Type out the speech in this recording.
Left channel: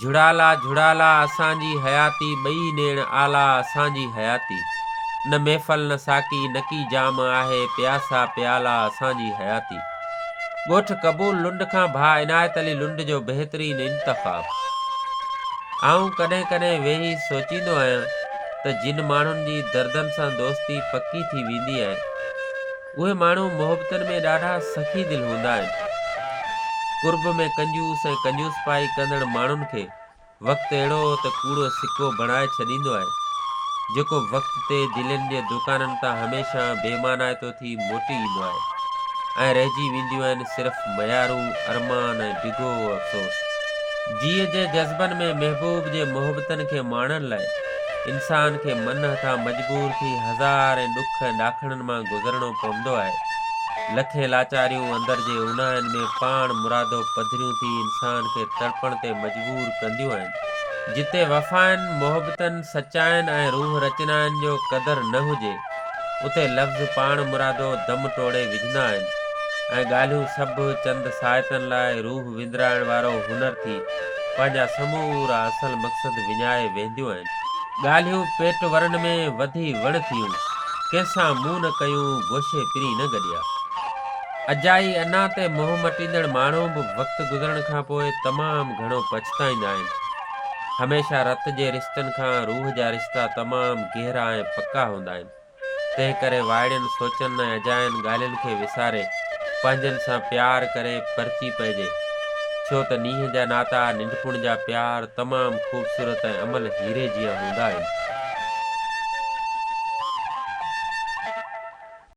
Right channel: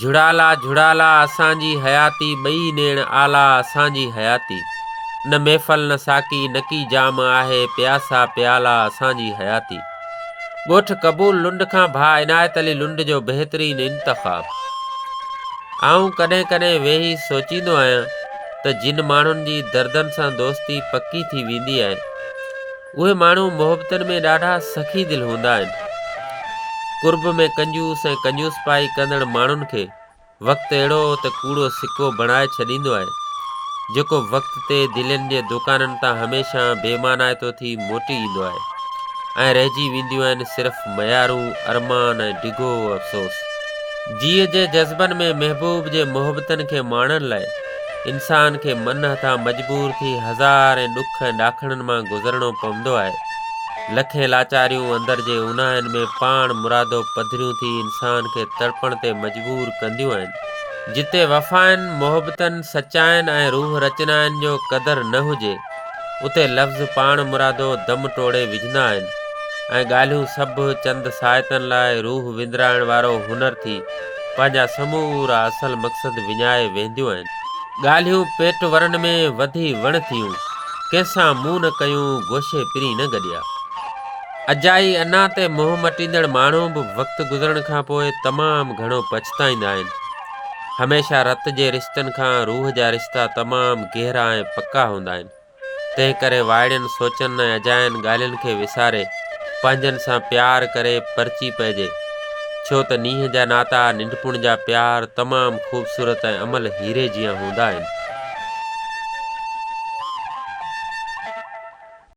झुड़ाला झुड़ाला असांजी हयाती, ॿई नेण आला असांजी हयाती। न महफ़ल न साकी न की जाम आहे, प्यासा प्याला असांजी हयाती। ॻोठ क़बूल लुंड खां भाउ इनायत अली लुंड जो बहितरीन इंतख़ाब। आऊं कॾहिं कॾहिं वेही सोचींदो आहियां त जिन माण्हुनि जी दर्दनि सां दोस्ती पकी थी वेंदी आहे, उहे माण्हू मोहबतनि में ॾाढा सख़ी दिलि हूंदा आहिनि। कुर्ब में कंजूस ऐं कंजूस पाई कंदड़ माण्हुनि खे वक़्तु अहिड़ो त कूड़ो सिक्को बणाए छॾींदो आहे, जेको वक़्त ते दिलनि जे दुकाननि तां हमेशह बेमानाइतो थी मोटी ईंदो आहे ऐं रहिजी वेंदियूं आहिनि सिर्फ़ु मयारूं अरमान ऐं डिघो अफ़सोस। जीअ जे जज़्बनि में महबूब जे मोहबतनि खे माणण लाइ इंसान खे मन हथां मजबूर थी हज़ार ऐं ॾुख ऐं ॾाखणनि मां गुज़रणो पवंदो आहे। लखे लाचारियूं अंदर जे उन्हाइनि में पाण मुरादो पधरियूं थी इंसान खे तड़पण ते मजबूर कंदियूं आहिनि। जिते वफ़ाइनि मोहबतनि सचाइनि ऐं रूह रचनाइनि जो क़दर न हुजे, उते लफ़्ज़ पाण मुरादो दम टोड़े विझंदा आहिनि ऐं ॻाल्हियूं सभु चंद साइतनि लाइ रूह विंदराइण वारो हुनर थी पंहिंजा समूरा असल मक़सद विञाए वेंदियूं आहिनि। ॻाल्हियूं पेट वरनि में वधी वण थियूं, कंहिंसां मुंहुं न कयूं गोशे पिरी न गॾिया। अजाई अञा ते मोह मटींदड़ माण्हू बि वक़्तु गुज़रण खां पोइ तमामु घणो पछताईंदा आहिनि। हमेशह रत जे रिश्तनि खां रूह जा रिश्ता तमामु गहरा ऐं पका हूंदा आहिनि। तंहिं करे वाइड़ियुनि सोचनि ऐं अजायनि ॻाल्हियुनि खे विसारे पंहिंजनि सां प्यार करे परची पइजे, छो त नींहं जा नाता निंढपुण जा प्यार तमामु ख़ूबसूरत ऐं अमल हीरे जीअं हूंदा आहिनि।